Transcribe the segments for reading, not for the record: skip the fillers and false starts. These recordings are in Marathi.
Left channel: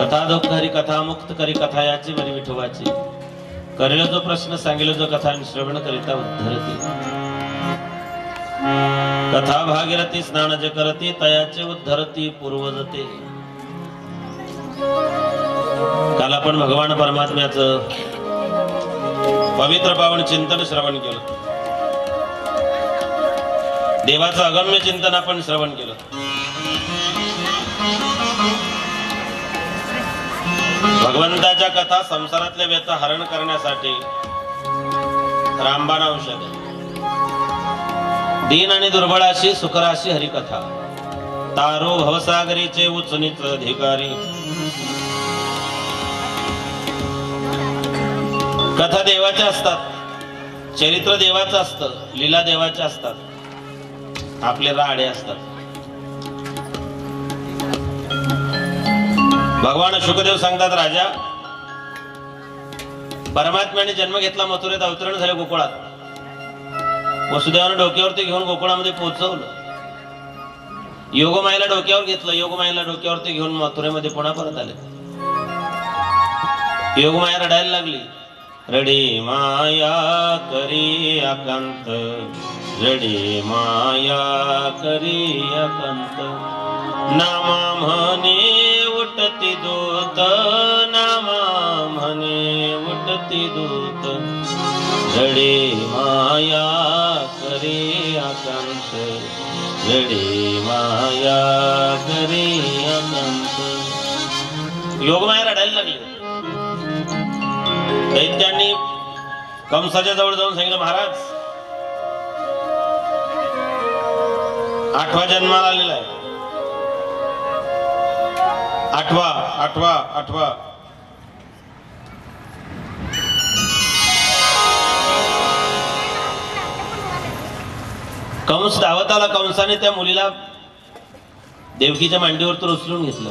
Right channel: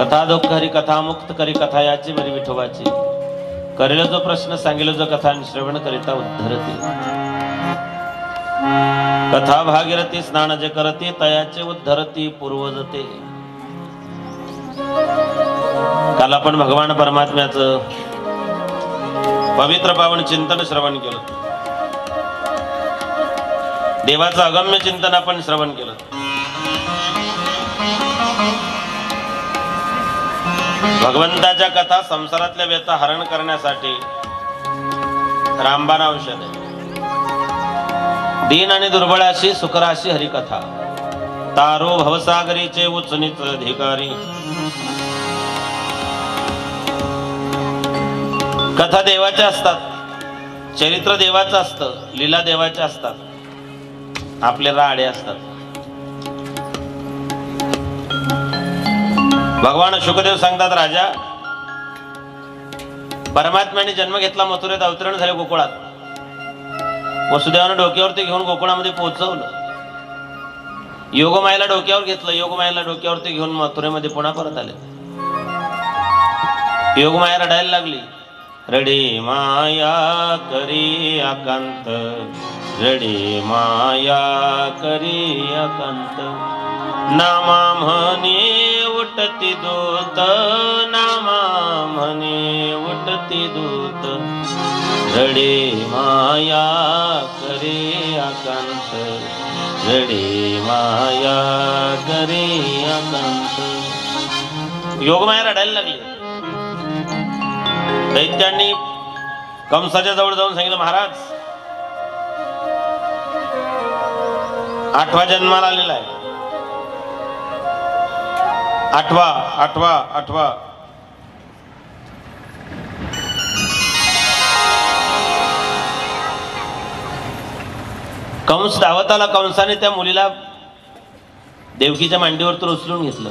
कथा दुःखरी कथा मुक्त करी कथा याची बरी विठोबाची करेल जो प्रश्न सांगेल जो कथा श्रवण करिता उद्धरती कथा भागीरथी स्नान जे करती तयाचे उद्धरती पूर्वजते. काल आपण भगवान परमात्म्याचं पवित्र पावन चिंतन श्रवण केलं. देवाचं अगम्य चिंतन आपण श्रवण केलं. भगवंताच्या कथा संसारातल्या व्यथा हरण करण्यासाठी रामबाण औषध आहे. दीन आणि दुर्बळाशी सुखराशी हरिकथा तारो भवसागरीचे उच्च अधिकारी. कथा देवाच्या असतात, चरित्र देवाचं असतं, लीला देवाच्या असतात, आपले राडे असतात. भगवान शुकदेव सांगतात, राजा परमात्म्याने जन्म घेतला, मथुरेत अवतरण झाले गोकुळात. वसुदेवानं डोक्यावरती घेऊन गोकुळामध्ये पोहोचवलं. योगमायेला डोक्यावर घेतलं, योगमायेला डोक्यावरती घेऊन मथुरेमध्ये पुन्हा परत आले. योगमाया रडायला लागली. रडे माया करी अकांत, रडे माया करी अकांत. नामा म्हणे उठती दूत, नामा म्हणे उठती दूत. रडे माया करे अकांत, रडे माया करे अकांत. योगमाया रडायला लागली. दैत्यांनी कंसाच्या जवळ जाऊन सांगितलं, महाराज 8वा जन्माला आलेला आहे. 8वा. कंस धावत आला. कंसाने त्या मुलीला देवकीच्या मांडीवर उचलून घेतलं.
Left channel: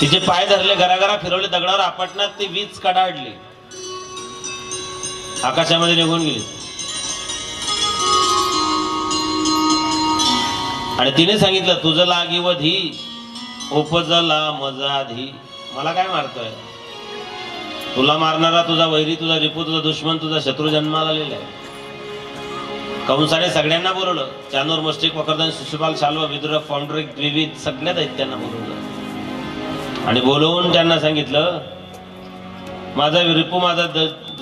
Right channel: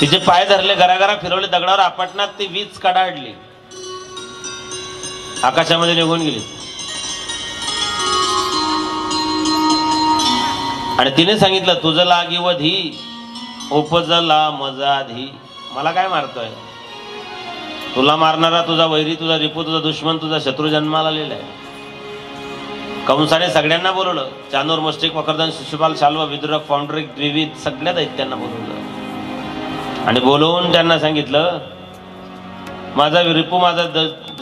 तिचे पाय धरले, घराघरा फिरवले, दगडावर आपटणात ती वीज कडाडली, आकाशामध्ये निघून गेली. आणि तिने सांगितलं, तुझं लागी व धी उपजला मजा धी. मला काय मारतोय? तुला मारणारा तुझा वैरी, तुझा रिपू, तुझा दुश्मन, तुझा शत्रू जन्माला आलेला आहे. कंसाने सगळ्यांना बोलवलं. चानूर, मुष्टिक, वक्रदन, शिशुपाल, शाल्व, विदुरक, पौंडरिक, द्विविध सगळ्या दैत्यांना बोलवलं आणि बोलवून त्यांना सांगितलं, माझा रिपू, माझा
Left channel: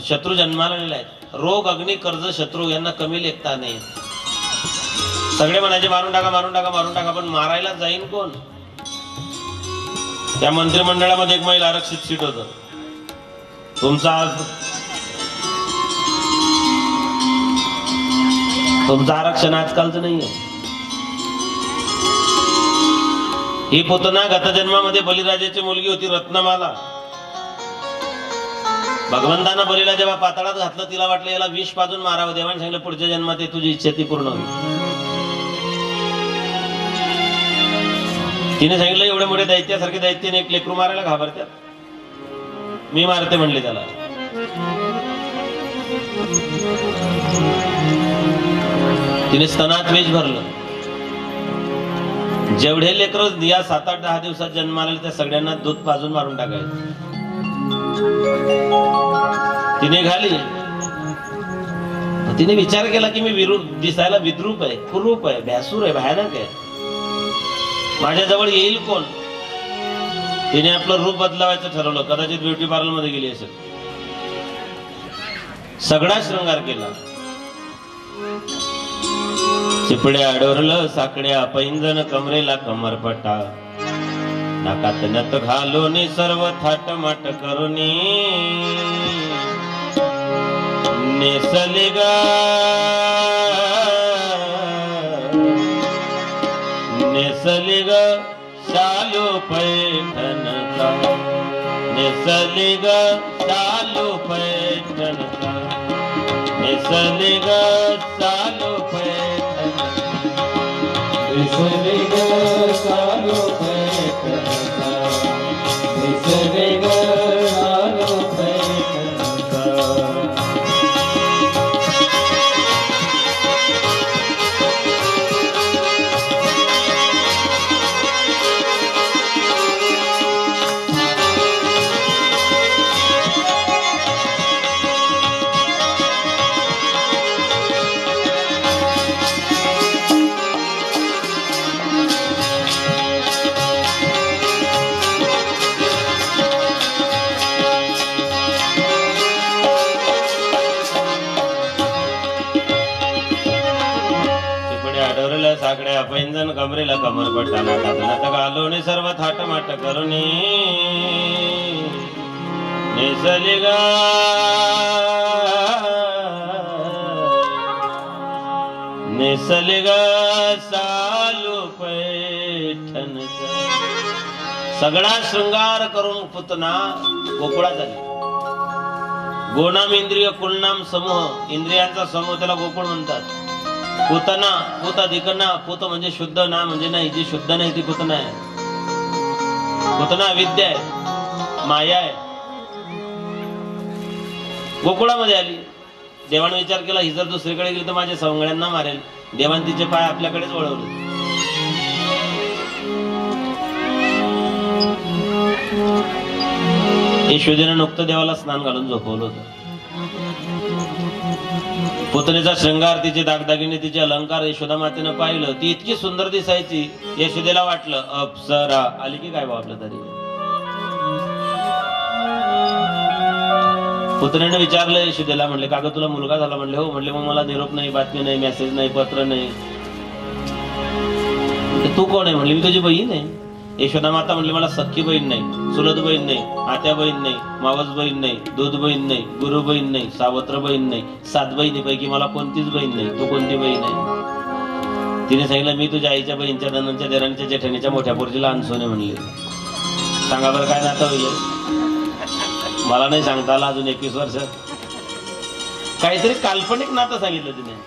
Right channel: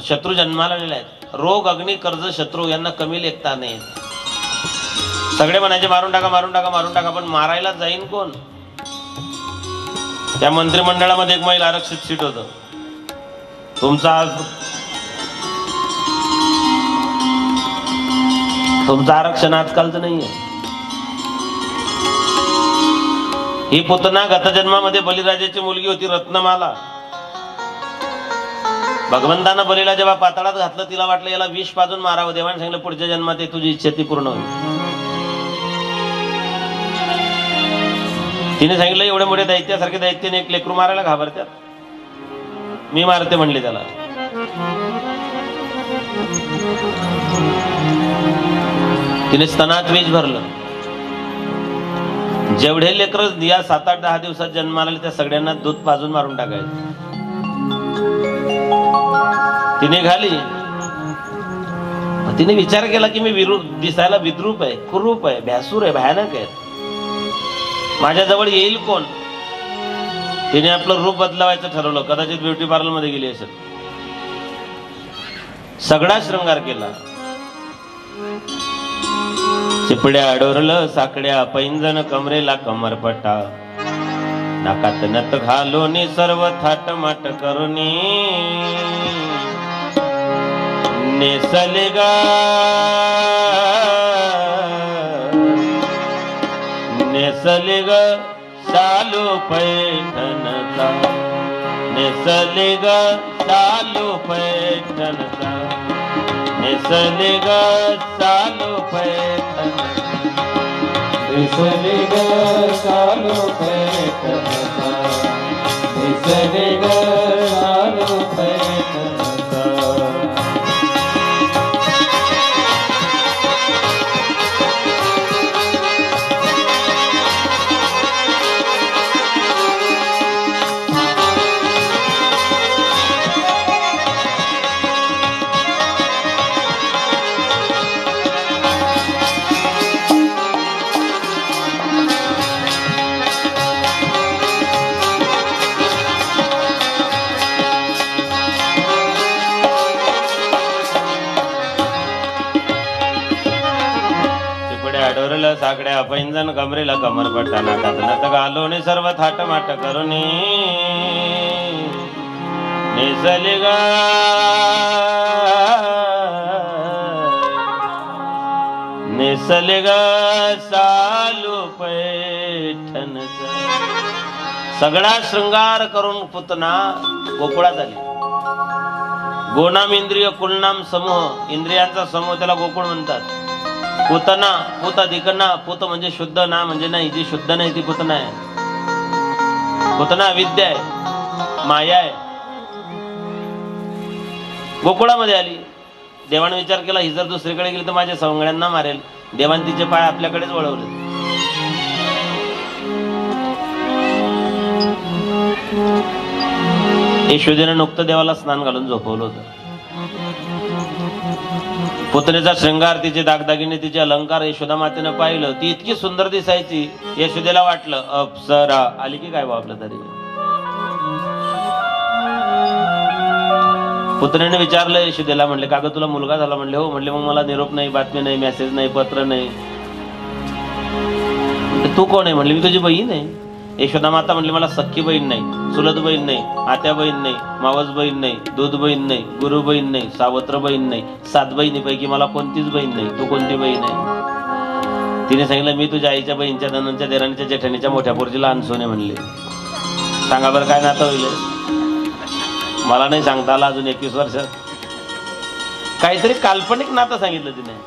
शत्रू जन्माला आलेला आहे. रोग, अग्नी, कर्ज, शत्रू यांना कमी लेखता नाही. सगळे म्हणायचे मारून टाका, मारून टाका, मारून टाका. पण मारायला जाईन कोण? त्या मंत्रिमंडळामध्ये एक महिला आरक्षित सीट होतं. तुमचं आरक्षण आजकालचं नाहीये. ही पुतना गत जन्मामध्ये बलिराजाची मुलगी होती, रत्नमाला. भगवंतानं बलीला जेव्हा पाताळात घातलं, तिला वाटलं याला विष पाजून मारावं. देवाने सांगितलं, पुढच्या जन्मात तुझी इच्छा ती पूर्ण होईल. तिने सांगितलं, एवढे मोठे दैत्यासारखे दैत्याने एक लेकरू मारायला घाबरतात, मी मारते म्हणले त्याला. तिने स्तनात बीज भरलं. जेवढे लेकर या 7, 8, 10 दिवसात जन्माला आले त्या सगळ्यांना दूध पाजून मारून टाकायचं. तिने घाली. तिने विचार केला की मी दिसायला विद्रूप आहे, कुरूप आहे, भ्यासूर आहे, भयानक आहे, माझ्याजवळ येईल कोण? तिने आपलं रूप बदलावायचं ठरवलं. कदाचित ब्युटी पार्लर मध्ये गेली असेल. सगळा शृंगार केला. चिपड्या डोरलं, साकड्या पैंजण, कमरेला कमरपट्टा, नाकात नथ घालून सर्व थाटमाट करुनी नेसले ग नेसले ग चालू पैठणचा, नेसले ग चालू पैठणचा, नेसले ग चालू पैठण, नेसले ग चालू पैठणचा, नेसले ग चालू पैठणचा. पाया पैंजन कमरेला कमर पट्टा नाकात नत घालून सर्व थाटमाट करून नेसले गा नेसले गा सालू पैठणचा सगळा शृंगार करून पुतना गोकुळात आली. गोनाम इंद्रिय कुलनाम समूह, इंद्रियांचा समूह त्याला गोकुळ म्हणतात. पुतना पुत अधिकना, पुत म्हणजे शुद्ध, ना म्हणजे नाही, जी शुद्ध नाही ती पुतना आहे. पुतना अविद्या आहे, माया आहे. गोकुळामध्ये आली. देवाने विचार केला ही जर दुसरीकडे गेली तर माझ्या सवंगड्यांना मारेल. देवाने तिचे पाय आपल्याकडेच वळवले. यशोदेनं नुकतं देवाला स्नान घालून झोपवलं होतं. पुतनेचा श्रृंगार, तिचे दागदागिने, तिचे अलंकार यशोदा मातेनं पाहिलं. ती इतकी सुंदर दिसायची, यशोदेला वाटलं अप्सरा आली की काय वापलं तरी. पुतनेने विचारलं यशोदेला, म्हणले का ग तुला मुलगा झाला? म्हणले हो. म्हणले मग मला निरोप नाही, बातमी नाही, मेसेज नाही, पत्र नाही. तू कोण आहे? म्हणले मी तुझी बहीण आहे. यशोदा माता म्हणली मला सख्खी बहीण नाही, चुलत बहीण नाही, आत्या बहीण नाही, मावस बहीण नाही, दूध बहीण नाही, गुरु बहीण नाही, सावत्र बहीण नाही. 7 बहिणीपैकी मला कोणतीच बहीण नाही. तू कोणती बहीण आहे? तिने सांगितलं मी तुझ्या आईच्या बहीणच्या, धनांच्या, देरांच्या, जेठाणीच्या मोठ्या पोरजीला अनसोने म्हणले. सांगा बरं काय नातं होईल? मला नाही सांगता आला अजून 21 वर्षात. काहीतरी काल्पनिक नातं सांगितलं तिने.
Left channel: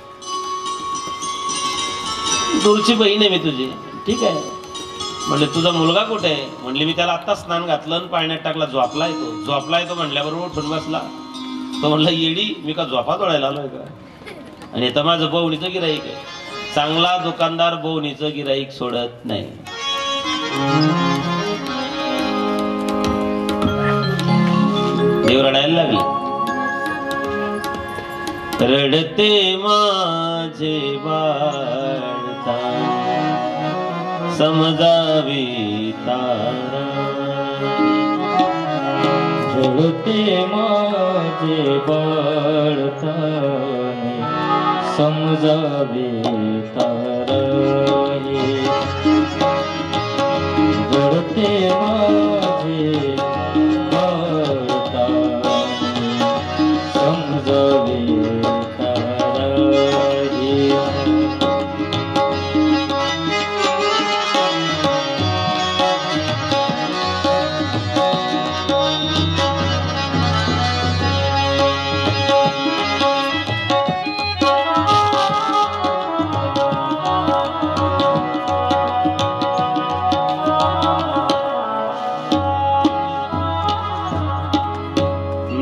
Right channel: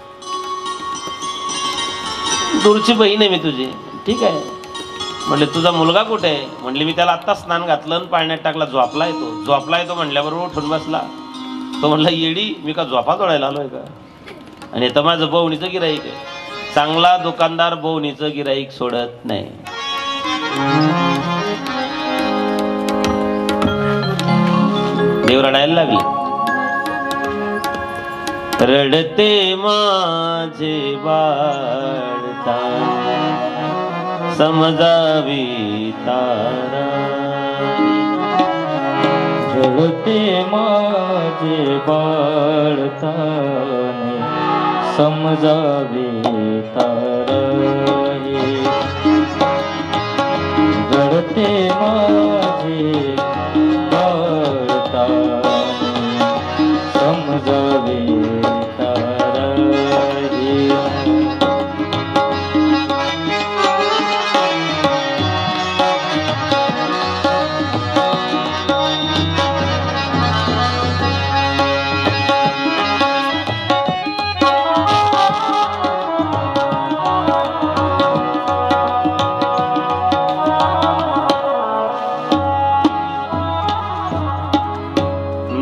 दूरची बहीण आहे मी तुझी. ठीक आहे. म्हणले तुझा मुलगा कुठे आहे? म्हणले मी त्याला आत्ता स्नान घातलं आणि पाण्यात टाकला. झोपला येतो म्हणल्याबरोबर उठून बसला. तो म्हणला येडी मी का झोपा तोडायला आलोय का? आणि तर माझं बवणीचं गिराईक आहे. चांगला दुकानदार बवणीचं गिराईक सोडत नाही. देव रडायला लागले. रडते माझे बाळता समजावी तारा, रडते माझे बाळता समजावी तारा, रडते माझे बाळता समजावी तारा.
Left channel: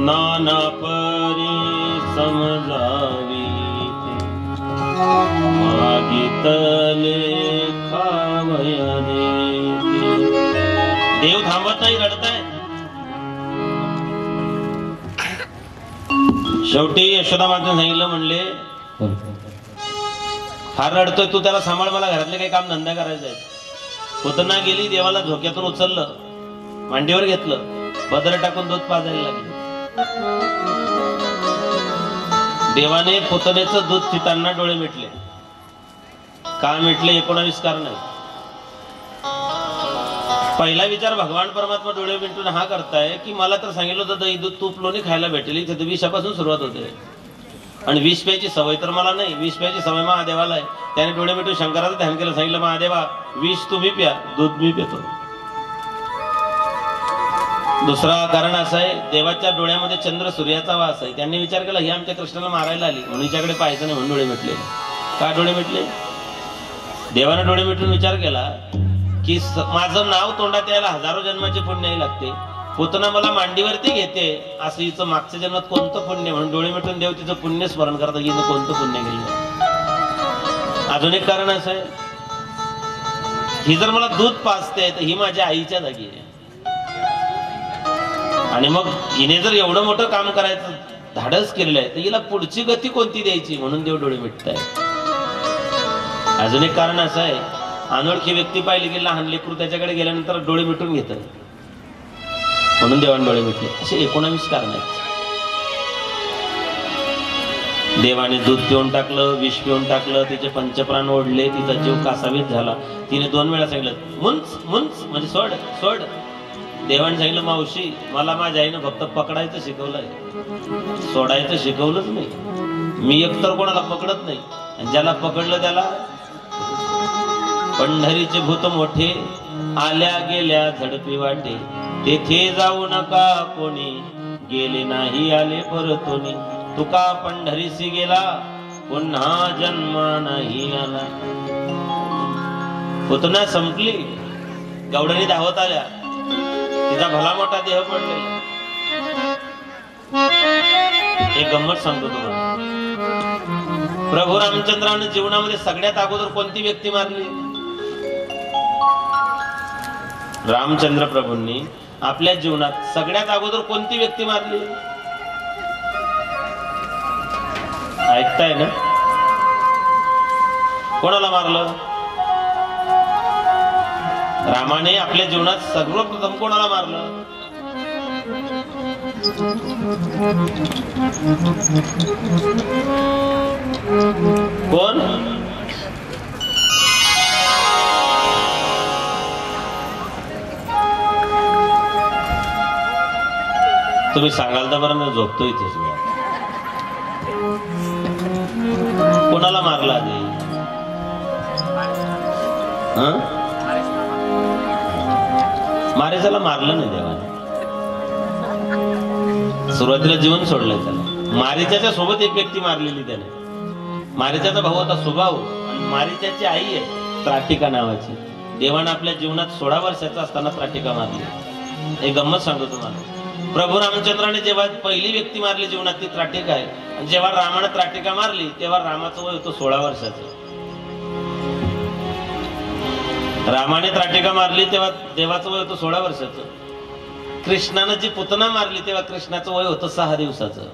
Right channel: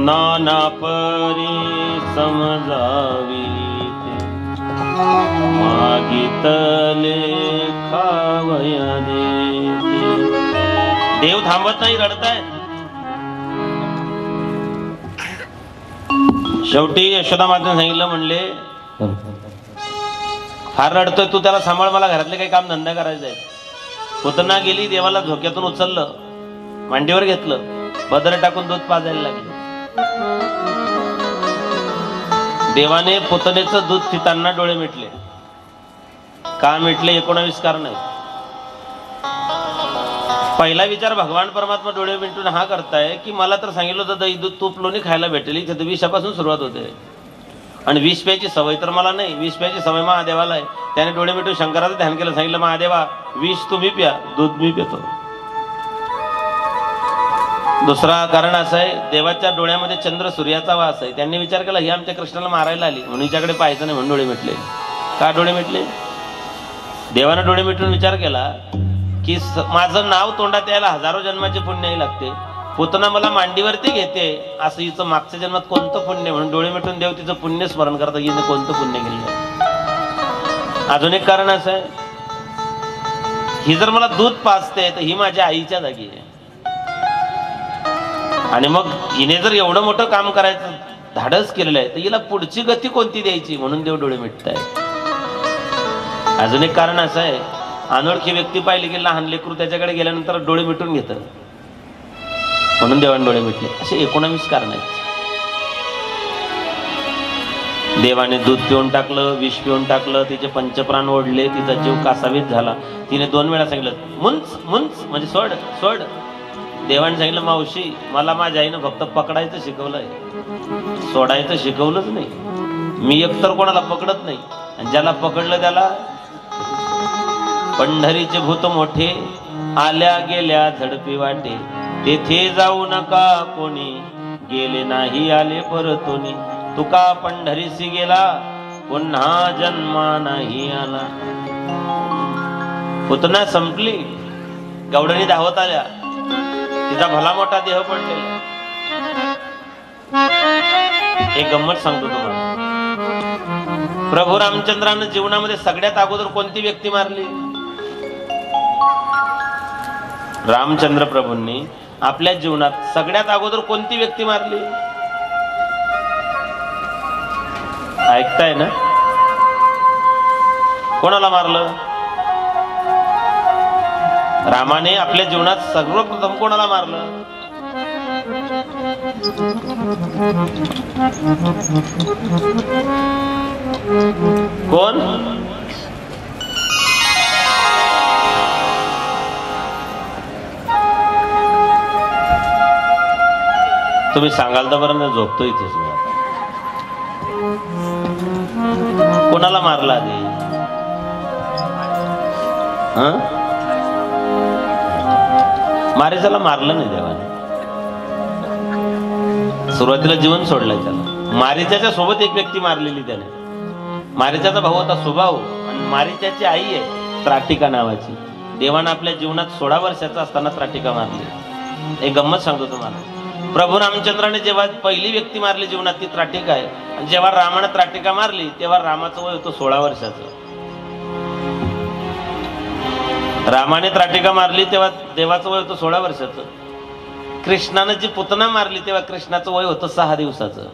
नाना परी समजावी मागितले खावया देते. देव थांबत नाही, रडताय. शेवटी यशोदा मातेने सांगितलं, म्हणले फार रडतोय तू, त्याला सांभाळ, मला घरातले काही काम धंदा करायचा आहे. पुतना गेली. देवाला झोक्यातून उचललं, मांडीवर घेतलं, पदर टाकून दूध पाजायला लागले. देवाने पुतनेचं दूध पिताना डोळे मिटले. का मिटले? 19 कारण आहे. पहिला विचार भगवान परमात्मा डोळे मिटून हा करताय की मला तर सांगितलं होतं दही दूध तूप लोणी खायला भेटेल, इथे विषापासून सुरुवात होते. आणि विष प्यायची सवय तर मला नाही, विष प्यायची सवय महादेवाला आहे. त्याने डोळे मिटून शंकराचं ध्यान केलं, सांगितलं महादेवा विष तुम्ही प्या, दूध मी पितो. दुसरा कारण असं आहे, देवाच्या डोळ्यामध्ये चंद्र सूर्याचा वास आहे. त्यांनी विचार केला ही आमच्या कृष्णाला मारायला आली म्हणून हिच्याकडे पाहायचं नाही, म्हणून डोळे मिटले. का डोळे मिटले? देवानं डोळे मिटून विचार केला की माझं नाव तोंडात यायला हजारो जन्माचे पुण्य लागते. पुतना मला मांडीवरती घेते, असं हिचं मागच्या जन्मात कोणतं पुण्य, म्हणून डोळे मिटून देव तिचं पुण्य स्मरण करता, हिने कोणतं पुण्य केलं. अजून एक कारण असं आहे, ही जर मला दूध पाजते तर ही माझ्या आईच्या जागी आहे. आणि मग हिने जर एवढं मोठं काम करायचं धाडस केलेलं आहे तर हिला पुढची गती कोणती द्यायची, म्हणून देव डोळे मिटताय. अजून एक कारण असं आहे, अनोळखी व्यक्ती पाहिली की लहान लेकरू त्याच्याकडे गेल्यानंतर डोळे मिटून घेतं, म्हणून देवाने डोळे मिटले. असे 19 कारण आहेत. देवाने दूध पिऊन टाकलं, विष पिऊन टाकलं, तिचे पंचप्राण ओढले, तिचा जीव कासावीस झाला. तिने 2 वेळा सांगितलं मुंच मुंच म्हणजे सोड सोड. देवाने सांगितलं मावशी मला माझ्या आईनं फक्त पकडायचं शिकवलंय, सोडायचं शिकवलंच नाही. मी एकतर कोणाला पकडत नाही, आणि ज्याला पकडलं त्याला. पंढरीचे भूत मोठे आल्या गेल्या झडपी वाटे, तेथे जाऊ नका कोणी, गेले नाही आले परतोनी. तुका पंढरीसी गेला पुन्हा जन्मा नाही आला. पुतना संपली, गवडणी धावत आल्या, तिचा भला मोठा देह पडलेला. एक गंमत सांगतो तुम्हाला. प्रभू रामचंद्रानं जीवनामध्ये सगळ्यात अगोदर कोणती व्यक्ती मारली? रामचंद्र प्रभूंनी आपल्या जीवनात सगळ्यात अगोदर कोणती व्यक्ती मारली? ऐकताय ना? कोणाला मारलं? रामाने आपल्या जीवनात सर्वप्रथम कोणाला मारलं? कोण? तुम्ही सांगाल तर बरं, मी झोपतो इथेच. मी कोणाला मारला आधी? मारीचाला मारलं नाही देवाने. सुरुवातीला जीवन सोडलंय त्याला. मारीच्याच्या सोबत एक व्यक्ती मारलेली त्याने. मारीच्याचा भाऊ होता सुभाऊ, आणि मारीच्याची आई आहे त्राटिका नावाची. देवानं आपल्या जीवनात 16 वर्षाचा असताना त्राटिका मारली. एक गंमत सांगतो तुम्हाला. प्रभू रामचंद्राने जेव्हा पहिली व्यक्ती मारली जीवनात ती त्राटिका आहे, आणि जेव्हा रामाने त्राटिका मारली तेव्हा रामाचं वय होतं 16 वर्षाचं. रामाने त्राटिका मारली तेव्हा देवाचं वय होतं 16 वर्षाचं. कृष्णाने जी पुतना मारली तेव्हा कृष्णाचं वय होतं 6 दिवसाचं.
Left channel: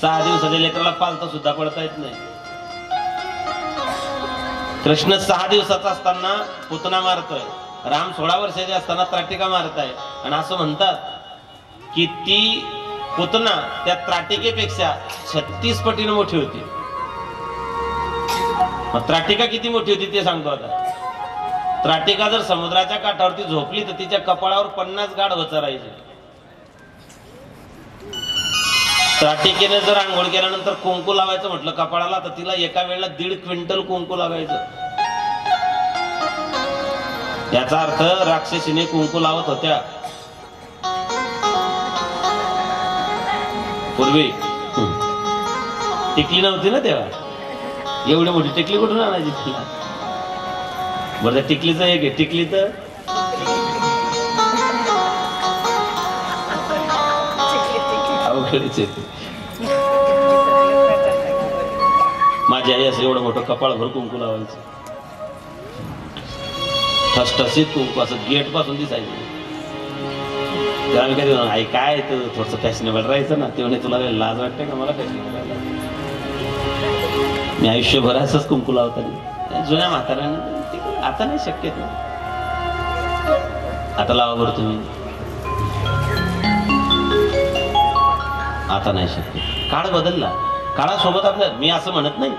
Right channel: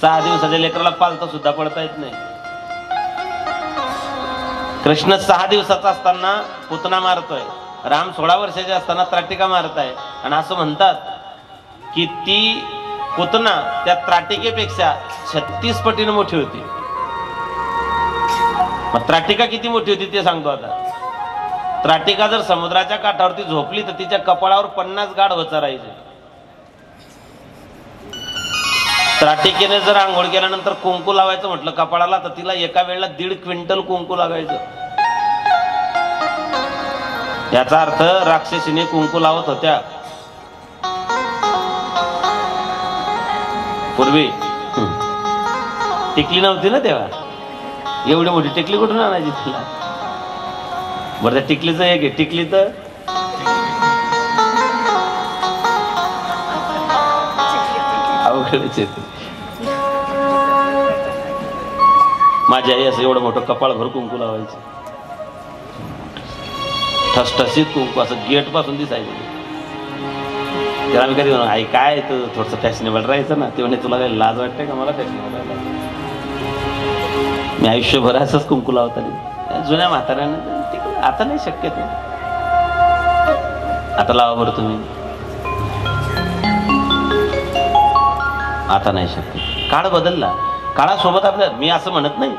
6 दिवसाच्या लेकराला पालता सुद्धा पडता येत नाही. कृष्ण 6 दिवसाचा असताना पुतना मारतोय, राम 16 वर्षाचे असताना त्राटिका मारताय. आणि असं म्हणतात की ती पुतना त्या त्राटिकेपेक्षा 36 पटीने मोठी होती. मग त्राटिका किती मोठी होती ते सांगतो आता. त्राटिका जर समुद्राच्या काठावरती झोपली तर तिच्या कपाळावर 50 गाढ वचरायचे. त्राटिकेने जर आंघोळ केल्यानंतर कुंकू लावायचं म्हटलं कपाळाला, तर तिला एका वेळेला 1.5 क्विंटल कुंकू लागायचं. याचा अर्थ राक्षसीने कुंकू लावत होत्या. पूर्वी टिकली नव्हती ना तेव्हा. एवढी मोठी टिकली कुठून आणायची तिला? बरं त्या टिकलीचं एक आहे. टिकलीचं अवघडच येते. माझी आई असं एवढं मोठं कपाळ भर कुंकू लावायचं. ठसठसीत कुंकू असं गेट पासून दिसायचं. तर आम्ही कधी आई काय तू थोडस फॅशनेबल राहायचं ना. ते म्हणे तुला काही लाज वाटते का? मला फॅशनेबल राहायला. मी आयुष्यभर असंच कुंकू लावताना जुन्या म्हाताऱ्यानं. आता नाही शक्य ते. आता लावा बरं तुम्ही. आता नाही शक्य. काळ बदलला. काळासोबत आपल्या, मी असं म्हणत नाही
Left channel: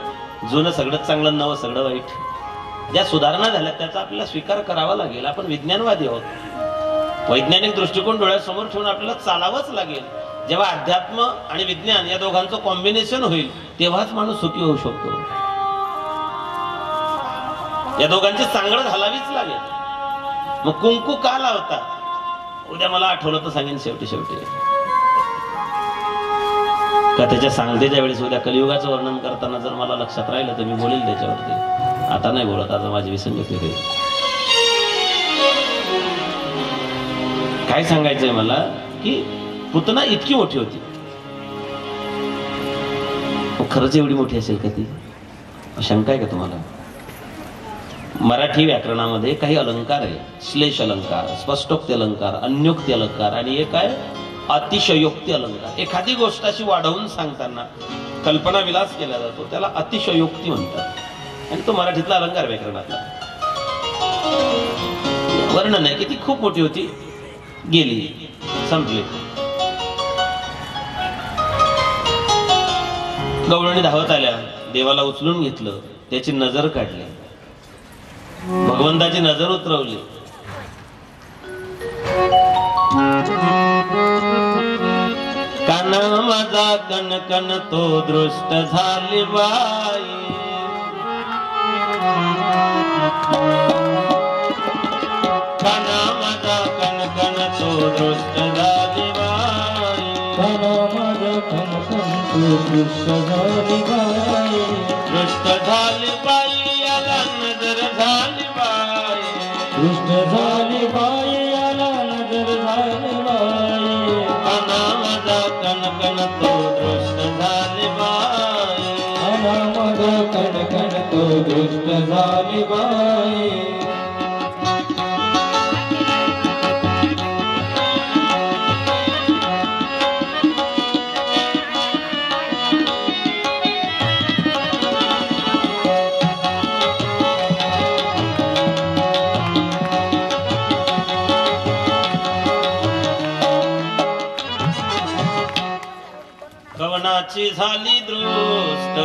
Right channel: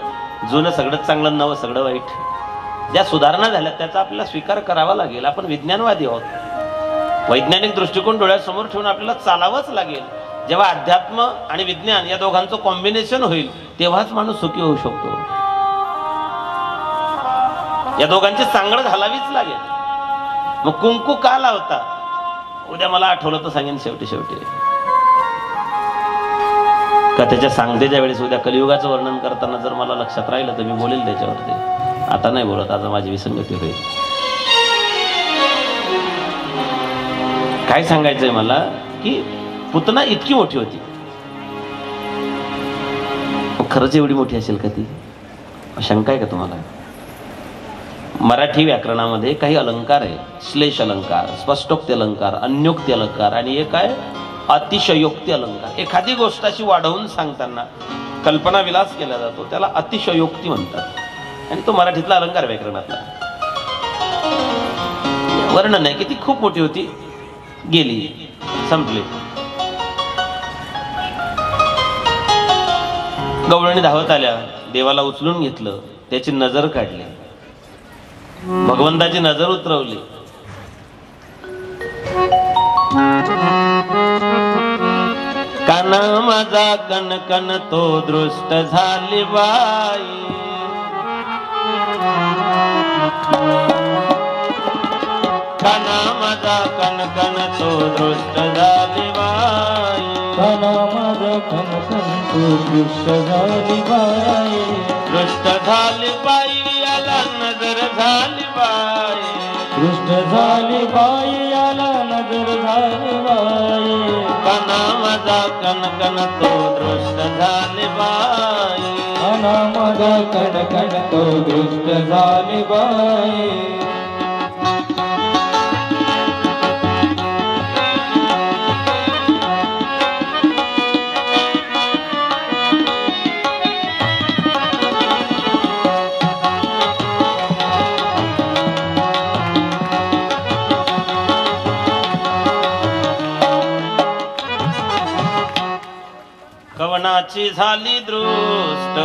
जुनं सगळं चांगलं, नवं सगळं वाईट. ज्या सुधारणा झाल्या त्याचा आपल्याला स्वीकार करावा लागेल. आपण विज्ञानवादी आहोत. वैज्ञानिक दृष्टिकोन डोळ्यासमोर ठेवून आपल्याला चालावंच लागेल. जेव्हा अध्यात्म आणि विज्ञान या दोघांचं कॉम्बिनेशन होईल तेव्हाच माणूस सुखी होऊ शकतो. या दोघांची सांगड घालावीच लागेल. मग कुंकू का लावता? उद्या मला आठवलं तर सांगेन शेवटी का त्याच्या सांगतेच्या वेळेस. उद्या कलियुगाचं वर्णन करताना जर मला लक्षात राहिलं तर मी बोलेल त्याच्यावरती. आता नाही बोलत, आता माझी विसंगती होईल. काय सांगायचंय मला की पुतना इतकी मोठी होती. खरंच एवढी मोठी असेल का ती? शंका आहे का तुम्हाला? मराठी व्याकरणामध्ये काही अलंकार आहे. श्लेष अलंकार, स्पष्टोक्ती अलंकार, अन्योक्ती अलंकार आणि एक आहे अतिशयोक्ती अलंकार. एखादी गोष्ट अशी वाढवून सांगताना कल्पना विलास केला जातो, त्याला अतिशयोक्ती म्हणतात. आणि तो मराठीतला अलंकार व्याकरणातला वर्णन आहे की ती खूप मोठी होती, गेली, संपली. गवळणी धावत आल्या, देवाला उचलून घेतलं, त्याची नजर काढली, भगवंताची नजर उतरवली. काना माझा कणकण तो दृष्ट झाली बाई, काना माझा कणकण तो दृष्ट झाली बाई, काना माझा कणकण तो दृष्ट झाली बाई, दृष्ट झाली बाई आला नजर झाली बाई, दृष्ट झाली बाई आला नजर झाली बाई, काना माझा कणकण तो दृष्ट झाली बाई, काना माझा कणकण तो दृष्ट झाली बाई. कवनाची झाली दृष्ट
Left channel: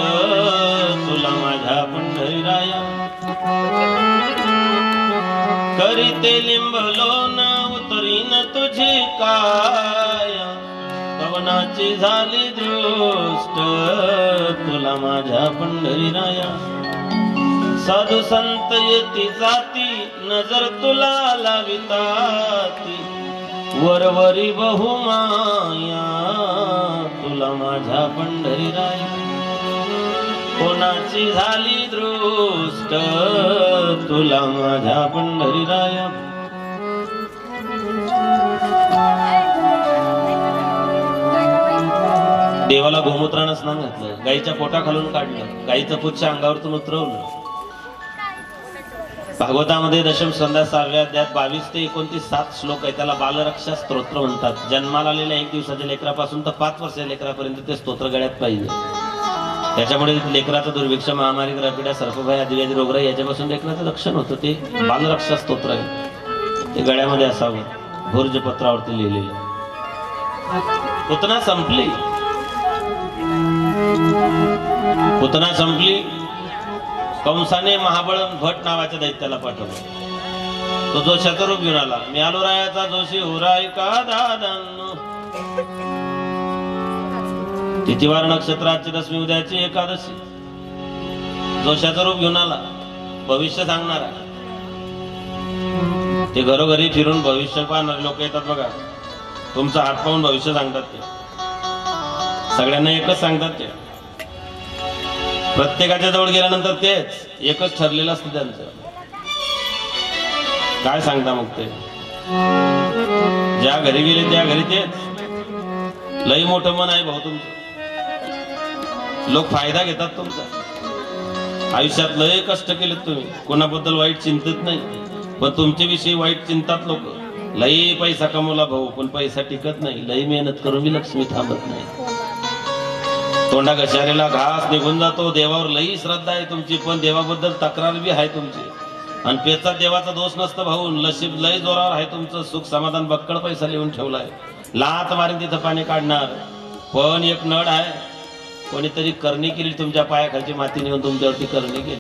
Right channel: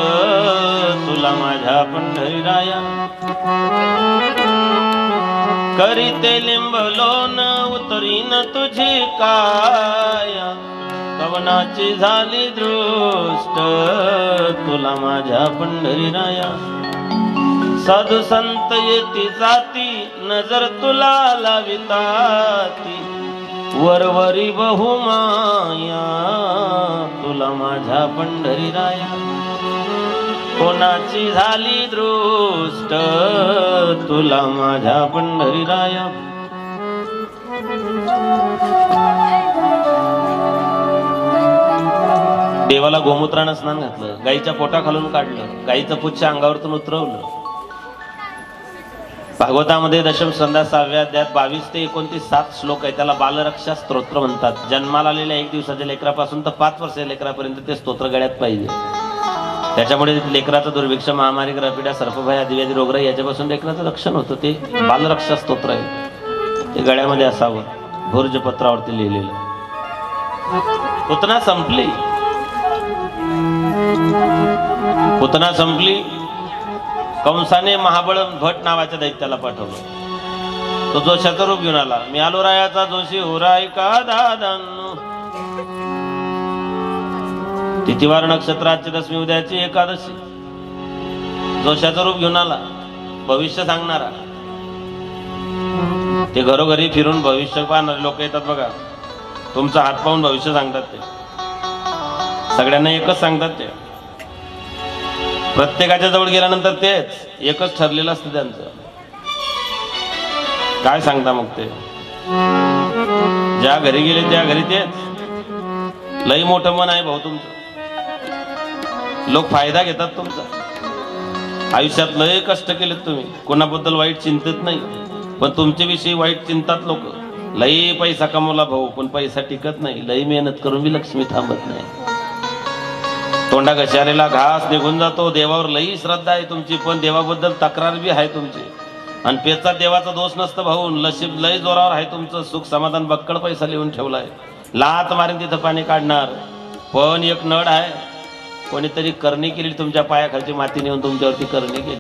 तुला माझ्या पंढरीराया, करीते लिंबलोन उतरीन तुझी काया, कवनाची झाली दृष्ट तुला माझ्या पंढरीराया, साधू संत येती जाती नजर तुला लाविताती, वरवरी बहुमाया तुला माझ्या पंढरीराया, कोणाची झाली दृष्ट तुला माझ्या पंढरीराया. देवाला गोमूत्रानं स्नान घातलं, गाईच्या पोटाखालून काढलं, गाईचं पुच्छ अंगावरतून उतरवलं. भागवतामध्ये दशम संध्या 6व्या अध्यायात 22 ते 29 7 श्लोक आहे. त्याला बालरक्षा स्तोत्र म्हणतात. जन्माला आलेल्या 1 दिवसाच्या लेकरापासून तर 5 वर्षाच्या लेकरापर्यंत ते स्तोत्र गळ्यात पाहिजे. त्याच्यामुळे लेकराचं दुर्भिक्ष, महामारी, ग्रहपीडा, सर्पभय, आदिव्याधी, रोगराई याच्यापासून लेकराचं रक्षण होतं. ते बालरक्षा स्तोत्र आहे. ते गळ्यामध्ये असावं, भोर्जपत्रावरती लिहिलेलं. पुतना संपली, पुतना संपली. कंसाने महाबळ भट नावाच्या दैत्याला पाठवलं. तो जो शतरूप घेऊन आला. मी आलो रायाचा जोशी हुराई का दादन. तिथिवार नक्षत्राची दशमी उद्याची एकादशी. जो शतरूप घेऊन आला, भविष्य सांगणारा. ते घरोघरी फिरून भविष्य पाहणारे लोक येतात बघा. तुमचा हात पाहून भविष्य सांगतात. ते सगळ्यांना एकच सांगतात. ते प्रत्येकाच्या जवळ गेल्यानंतर तेच एकच ठरलेलं असतं त्यांचं. काय सांगता मग ते? ज्या घरी गेले त्या घरी तेच. लई मोठं मन आहे भाऊ तुमचं. लोक फायदा घेतात तुमचा. आयुष्यात लय कष्ट केलेत तुम्ही, कोणाबद्दल वाईट चिंतित नाही, पण तुमच्याविषयी वाईट चिंतात लोक. लई पैसा कमवला भाऊ, पण पैसा टिकत नाही. लई मेहनत करून बी लक्ष्मी थांबत नाही. तोंडा घशारेला घास निघून जातो. देवावर लई श्रद्धा आहे तुमची, पण देवाबद्दल तक्रार बी आहे तुमची. आणि पेचा देवाचा दोष नसतं भाऊ. नशीब लई जोरावर आहे तुमचं. सुख समाधान बक्कळ पैसा लिहून ठेवलाय. लात मारीन तिथं पाणी काढणार. पण एक नड आहे, कोणीतरी करणी केली तुमच्या पायाखालची माती नेऊन तुमच्यावरती करणी केली.